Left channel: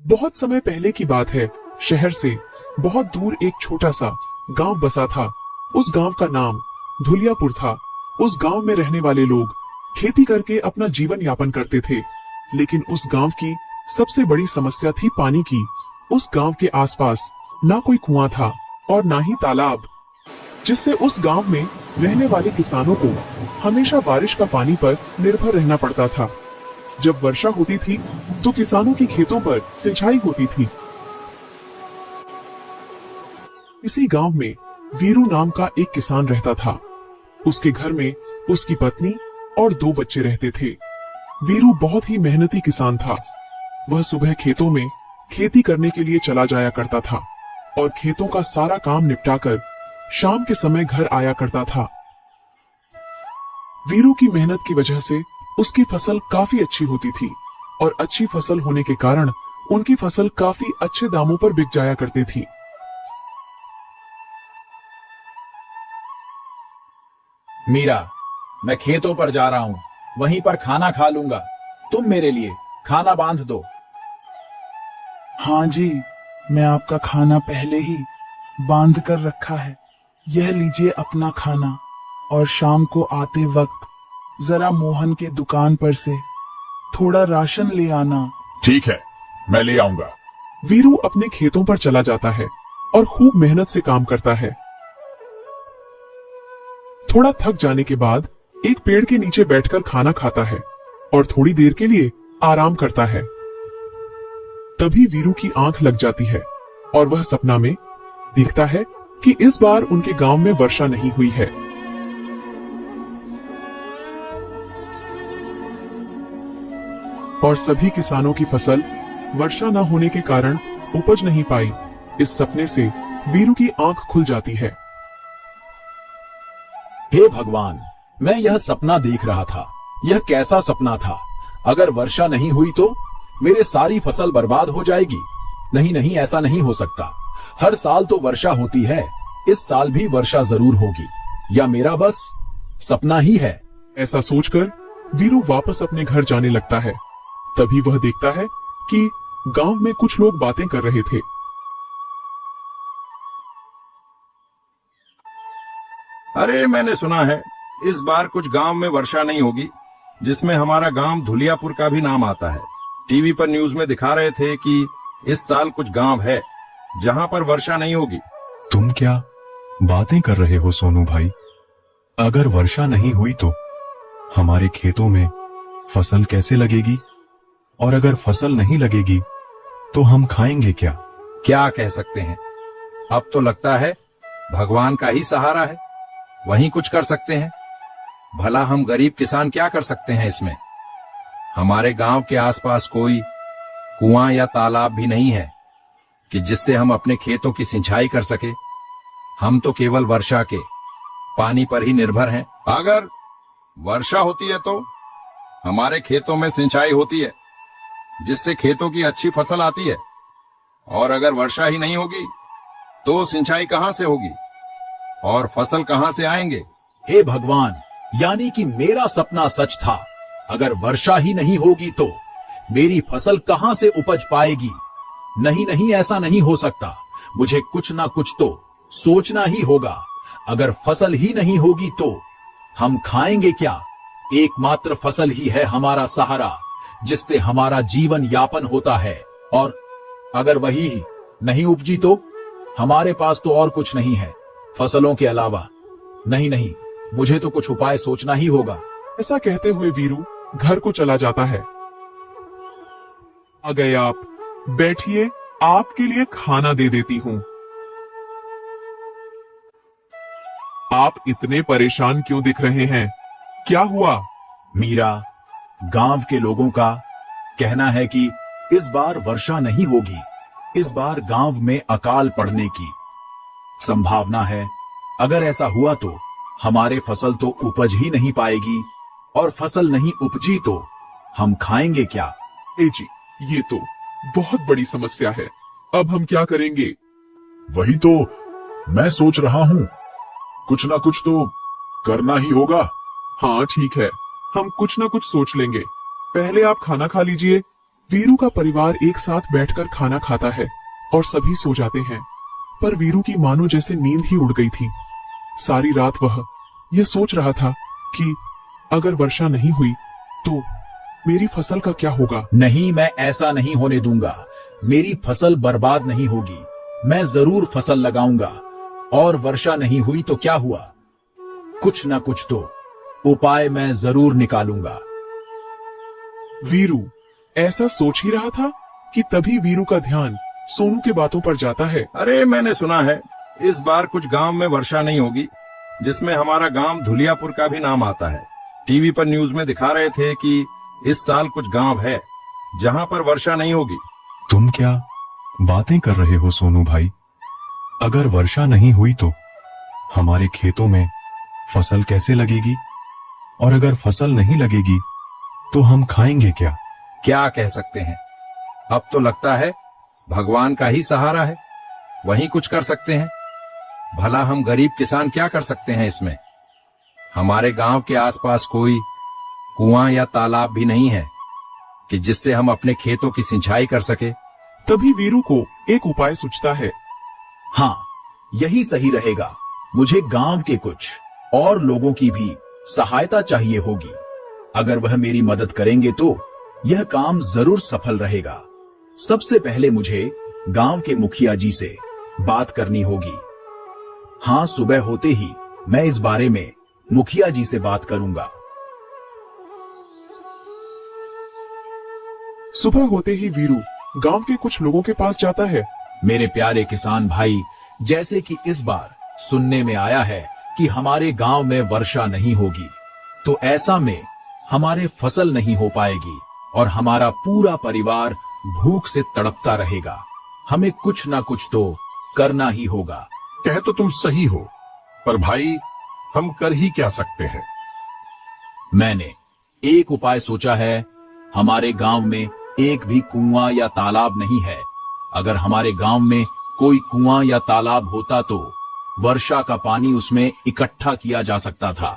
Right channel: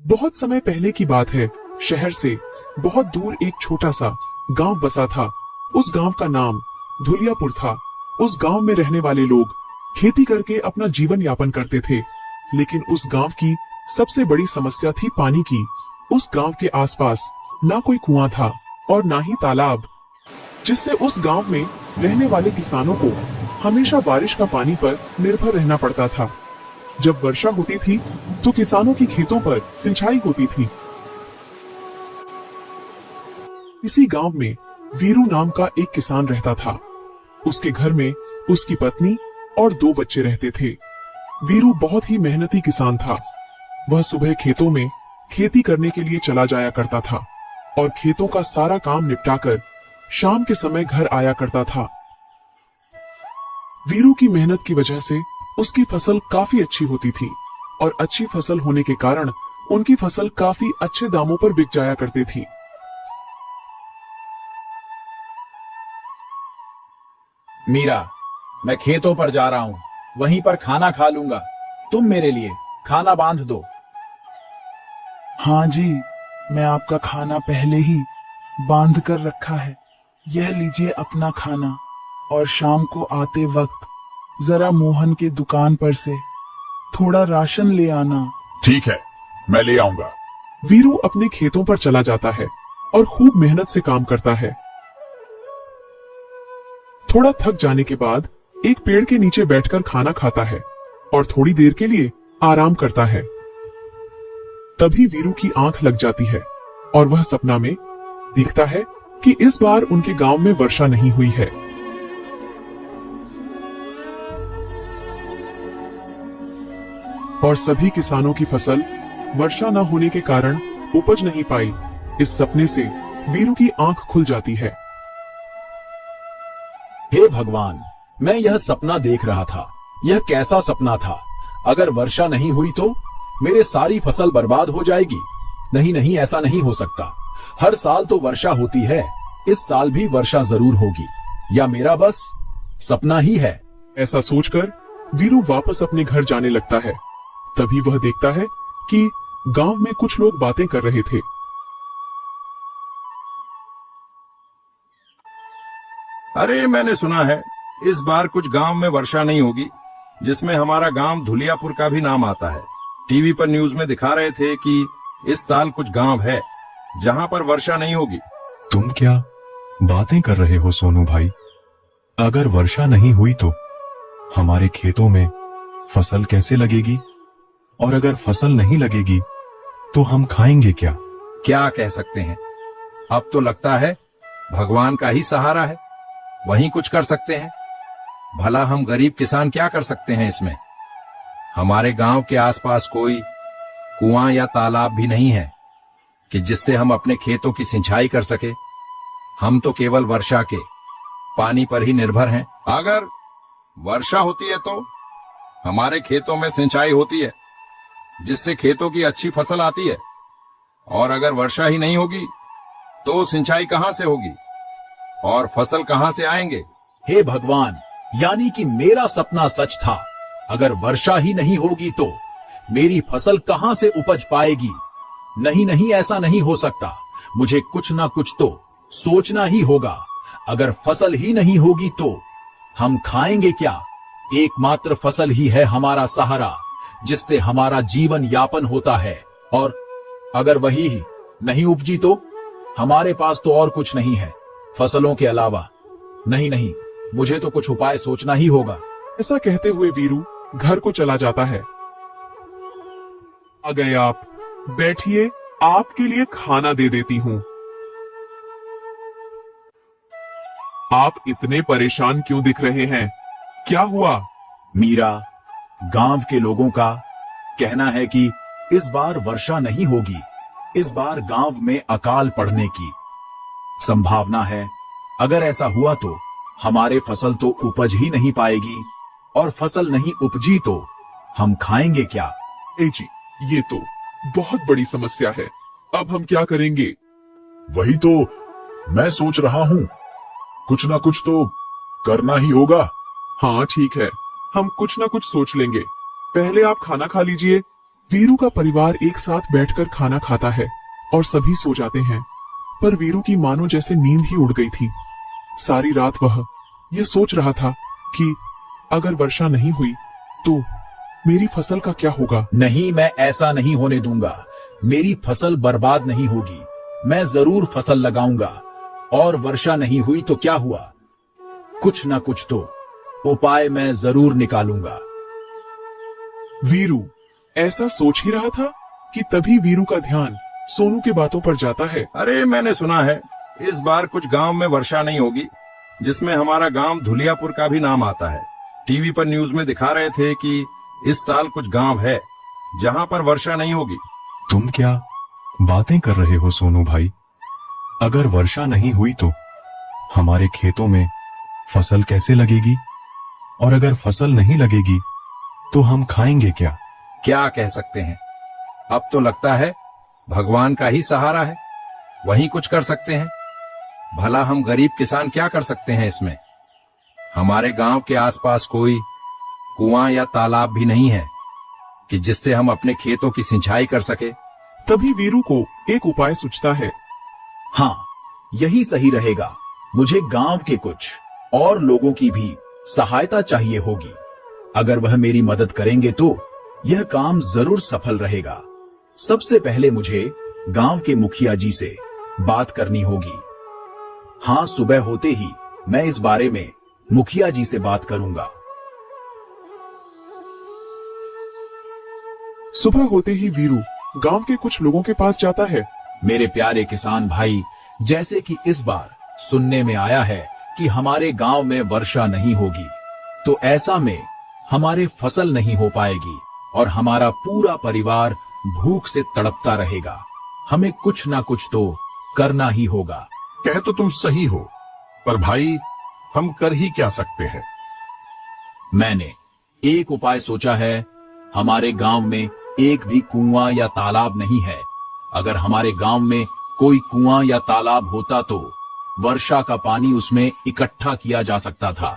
बहुत समय पहले की बात है। शहर से बहुत दूर एक छोटा सा गांव बसा था। उस गांव का नाम धुलियापुर था। उस गांव में रहने वाले लोग खेती करके अपना जीवन यापन करते थे। लेकिन उस गांव की सबसे बड़ी समस्या थी पानी की। उस गांव के आसपास ना कोई कुआं था और ना ही तालाब, जिससे उस गांव में रहने वाले किसानों को हमेशा बारिश का पानी पर निर्भर रहना पड़ता था। जब वर्षा होती थी तो किसानों के खेतों पर सिंचाई होती थी। इसी गांव में वीरू नाम का एक किसान रहता था। उसके घर में उसकी पत्नी और 2 बच्चे रहते थे। वीरू बहुत ही मेहनती किसान था। वह सुबह खेतों में खेती करने के लिए चला जाया करता था और खेतों का सारा काम निपटाकर शाम के समय घर आया करता था। वीरू की मेहनत की वजह से उसकी फसल काफी अच्छी होती थी और अच्छी फसल होने के कारण उनकी फसल काफी अच्छे दामों पर बिक जाया करती थी। मीरा, मैं खेतों पर जा रहा हूँ, वहीं पर खाना खा लूंगा। तुम मेरे लिए खाना बांध दो। हाँ जी, मैं आपका खाना पहले ही बांध कर रखा है। यह लीजिए अपना खाना, और शाम को आते वक्त जरा मोहन के दुकान पर से थोड़ा राशन ले आना। ठीक है, मैं ले आऊंगा। वीरू अपने खेतों पर चला जाता है और खूब मेहनत से काम करता है। थोड़ा थक जाने के बाद एक पेड़ के नीचे बैठकर खाना खाता है और थोड़ी देर के लिए आराम करता है। तभी वीरू की आंख लग जाती है और वह सपना में देखता है कि इस बार उनके गांव में वर्षा नहीं हुई है। और सभी किसानों की फसल वर्षा न होने के कारण उपज नहीं पाई। इस सपने से वीरू की आंख खुल जाती है। हे भगवान, मैं यह सपना देख रहा था। यह कैसा सपना था? अगर वर्षा नहीं हुई तो मेरे सारी फसल बर्बाद हो जाएगी। नहीं नहीं, ऐसा नहीं हो सकता। हर साल तो वर्षा होती है, इस साल भी वर्षा जरूर होगी। या मेरा बस सपना ही है। ऐसा सोचकर वीरू वापस अपने घर जाने लगता है। तभी वह देखता है कि गांव में कुछ लोग बातें कर रहे थे। अरे, मैंने सुना है इस बार कुछ गांव में वर्षा नहीं होगी, जिसमें हमारा गांव धुलियापुर का भी नाम आता है। टीवी पर न्यूज में दिखा रहे थे कि इस साल कुछ गांव है जहां पर वर्षा नहीं होगी। तुम क्या बातें कर रहे हो सोनू भाई? अगर वर्षा नहीं हुई तो हमारे खेतों में फसल कैसे लगेगी? और अगर फसल नहीं लगेगी तो हम खाएंगे क्या? क्या कह सकते हैं, अब तो लगता है भगवान का ही सहारा है, वही कुछ कर सकते हैं। भला हम गरीब किसान क्या कर सकते हैं इसमें? हमारे गांव के आसपास कोई कुआं या तालाब भी नहीं है कि जिससे हम अपने खेतों की सिंचाई कर सके। हम तो केवल वर्षा के पानी पर ही निर्भर हैं। अगर वर्षा होती है तो हमारे खेतों में सिंचाई होती है, जिससे खेतों की अच्छी फसल आती है। और अगर वर्षा ही नहीं होगी तो सिंचाई कहां से होगी और फसल कहां से आएंगे? हे भगवान, यानी कि मेरा सपना सच था। अगर वर्षा ही नहीं होगी तो मेरी फसल कहां से उपज पाएगी? नहीं नहीं, ऐसा नहीं हो सकता। मुझे कुछ ना कुछ तो सोचना ही होगा। अगर फसल ही नहीं होगी तो हम खाएंगे क्या? एकमात्र फसल ही है हमारा सहारा, जिससे हमारा जीवन यापन होता है। और अगर वही ही नहीं उपजी तो हमारे पास तो और कुछ नहीं है फसलों के अलावा। नहीं नहीं, मुझे तो कुछ उपाय सोचना ही होगा। ऐसा कहते हुए वीरू घर को चला जाता है। आ गए आप, बैठिए, आपके लिए खाना दे देती हूँ। आप इतने परेशान क्यों दिख रहे हैं? क्या हुआ? मीरा, गांव के लोगों का कहना है कि इस बार वर्षा नहीं होगी। इस बार गांव में अकाल पड़ने की संभावना है। अगर ऐसा हुआ तो हमारे फसल तो उपज ही नहीं पाएगी, और फसल नहीं उपजी तो हम खाएंगे क्या? जी, ये तो बहुत बड़ी समस्या है। अब हम क्या करेंगे? वही तो मैं सोच रहा हूँ, कुछ ना कुछ तो करना ही होगा। हाँ ठीक है, हम कुछ ना कुछ सोच लेंगे। पहले आप खाना खा लीजिए, वीरू का परिवार एक साथ बैठकर खाना खाता है और सभी सो जाते हैं, पर वीरू की मानो जैसे नींद ही उड़ गई थी। सारी रात वह यह सोच रहा था कि अगर वर्षा नहीं हुई तो मेरी फसल का क्या होगा। नहीं, मैं ऐसा नहीं होने दूंगा। मेरी फसल बर्बाद नहीं होगी। मैं जरूर फसल लगाऊंगा, और वर्षा नहीं हुई तो क्या हुआ, कुछ ना कुछ तो उपाय मैं जरूर निकालूंगा। वीरू ऐसा सोच ही रहा था कि तभी वीरू का ध्यान सोनू के बातों पर जाता है। अरे मैंने सुना है इस बार कुछ गांव में वर्षा नहीं होगी, जिसमें हमारा गांव धुलियापुर का भी नाम आता है। टीवी पर न्यूज में दिखा रहे थे कि इस साल कुछ गांव है जहां पर वर्षा नहीं होगी। तुम क्या बातें कर रहे हो सोनू भाई? अगर वर्षा नहीं हुई तो हमारे खेतों में फसल कैसे लगेगी? और अगर फसल नहीं लगेगी तो हम खाएंगे क्या? क्या कह सकते हैं, अब तो लगता है भगवान का ही सहारा है, वही कुछ कर सकते हैं। भला हम गरीब किसान क्या कर सकते हैं इसमें? हमारे गांव के आसपास कोई कुआं या तालाब भी नहीं है कि जिससे हम अपने खेतों की सिंचाई कर सके। तभी वीरू को एक उपाय सूझता है। हाँ, यही सही रहेगा। मुझे गांव के कुछ और लोगों की भी सहायता चाहिए होगी। अगर वह मेरी मदद करेंगे तो यह काम जरूर सफल रहेगा। सबसे पहले मुझे गांव के मुखिया जी से बात करनी होगी। हाँ, सुबह होते ही मैं इस बारे में मुखिया जी से बात करूंगा। सुबह होते ही वीरू गांव के कुछ लोगों के पास जाता है। मेरे प्यारे किसान भाई, जैसे कि इस बार सुनने में आया है कि हमारे गांव में वर्षा नहीं होगी, तो ऐसा में हमारे फसल नहीं हो पाएगी और हमारा पूरा परिवार भूख से तड़पता रहेगा। हमें कुछ ना कुछ तो करना ही होगा। कह तो तुम सही हो, पर भाई हम कर ही क्या सकते हैं? मैंने एक उपाय सोचा है। हमारे गांव में एक भी कुआं या तालाब नहीं है। अगर हमारे गांव में कोई कुआं या तालाब होता तो वर्षा का पानी उसमें इकट्ठा किया जा सकता था,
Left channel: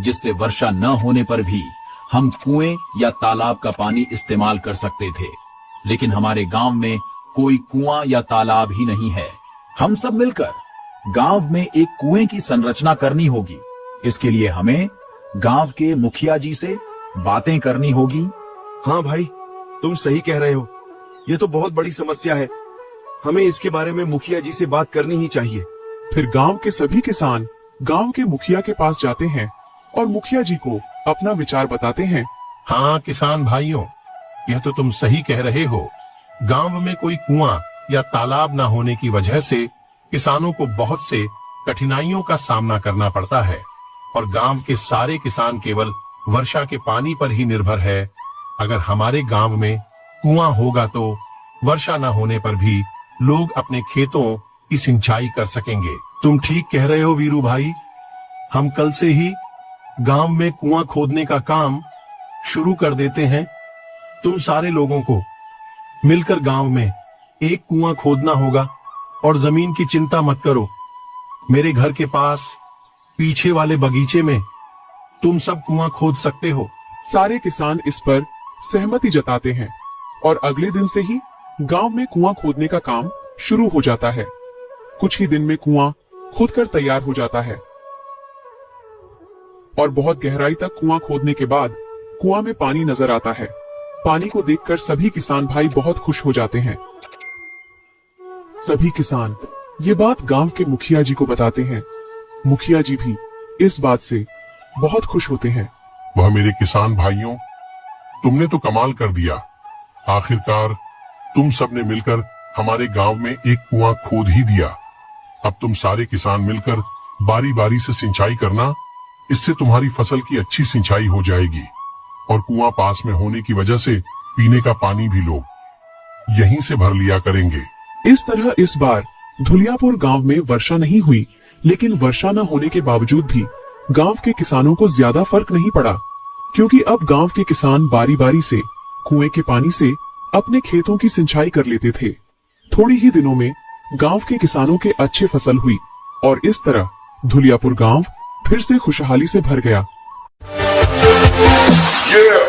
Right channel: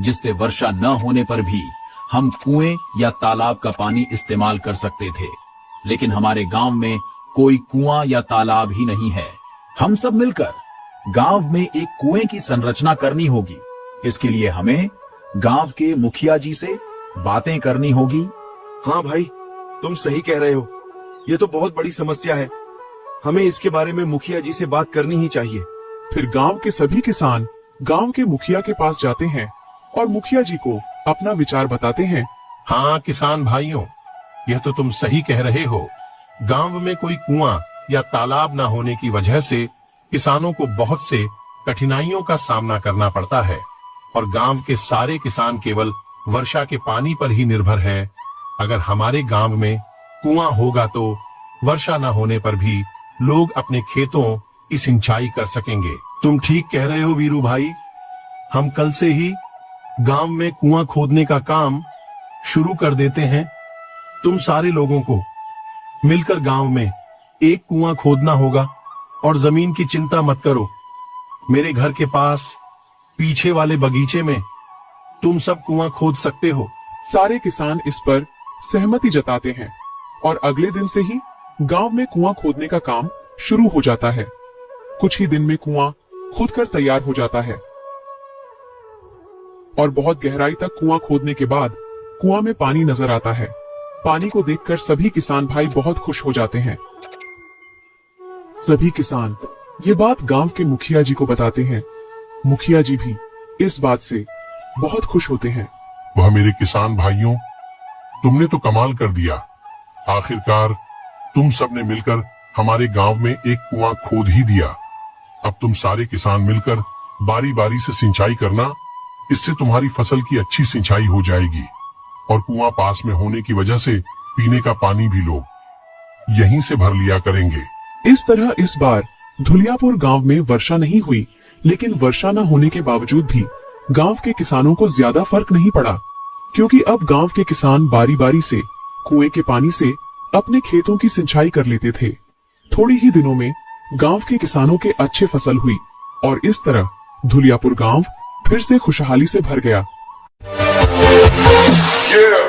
जिससे वर्षा न होने पर भी हम कुएं या तालाब का पानी इस्तेमाल कर सकते थे। लेकिन हमारे गांव में कोई कुआं या तालाब ही नहीं है। हम सब मिलकर गांव में एक कुएं की संरचना करनी होगी। इसके लिए हमें गांव के मुखिया जी से बातें करनी होगी। हाँ भाई, तुम सही कह रहे हो। ये तो बहुत बड़ी समस्या है। हमें इसके बारे में मुखिया जी से बात करनी ही चाहिए। फिर गांव के सभी किसान गांव के मुखिया के पास जाते हैं और मुखिया जी को अपना विचार बताते हैं। हाँ किसान भाइयों, यह तो तुम सही कह रहे हो। गांव में कोई कुआं या तालाब न होने की वजह से किसानों को बहुत से कठिनाइयों का सामना करना पड़ता है और गांव के सारे किसान केवल वर्षा के पानी पर ही निर्भर है। अगर हमारे गांव में कुआं होगा तो वर्षा न होने पर भी लोग अपने खेतों की सिंचाई कर सकेंगे। तुम ठीक कह रहे हो वीरू भाई। हम कल से ही गांव में कुआं खोदने का काम शुरू कर देते हैं। तुम सारे लोगों को मिलकर गांव में एक कुआं खोदना होगा और जमीन की चिंता मत करो। मेरे घर के पास पीछे वाले बगीचे में तुम सब कुआं खोद सकते हो। सारे किसान इस पर सहमति जताते हैं और अगले दिन से ही गांव में कुआं खोदने का काम शुरू हो जाता है। कुछ ही दिन में कुआं खोदकर तैयार हो जाता है और बहुत गहराई तक कुआं खोदने के बाद कुआं में पानी नजर आता है। पानी को देखकर सभी किसान भाई बहुत खुश हो जाते हैं। सभी किसान ये बात गांव के मुखिया जी को बताते हैं। मुखिया जी भी इस बात से बहुत खुश होते हैं। वह मेरे किसान भाइयों, तुमने तो कमाल कर दिया। आखिरकार तुम सबने मिलकर हमारे गांव में एक कुआं खोद ही दिया। अब तुम सारे किसान मिलकर बारी बारी से सिंचाई करना। इससे तुम्हारी फसल की अच्छी सिंचाई हो जाएगी और कुआं पास में होने की वजह से पीने का पानी भी लोग यहीं से भर लिया करेंगे। इस तरह इस बार धुलियापुर गांव में वर्षा नहीं हुई, लेकिन वर्षा न होने के बावजूद भी गांव के किसानों को ज्यादा फर्क नहीं पड़ा, क्योंकि अब गांव के किसान बारी बारी से कुएं के पानी से अपने खेतों की सिंचाई कर लेते थे। थोड़ी ही दिनों में गांव के किसानों के अच्छे फसल हुई और इस तरह धुलियापुर गांव फिर से खुशहाली से भर गया। Yeah!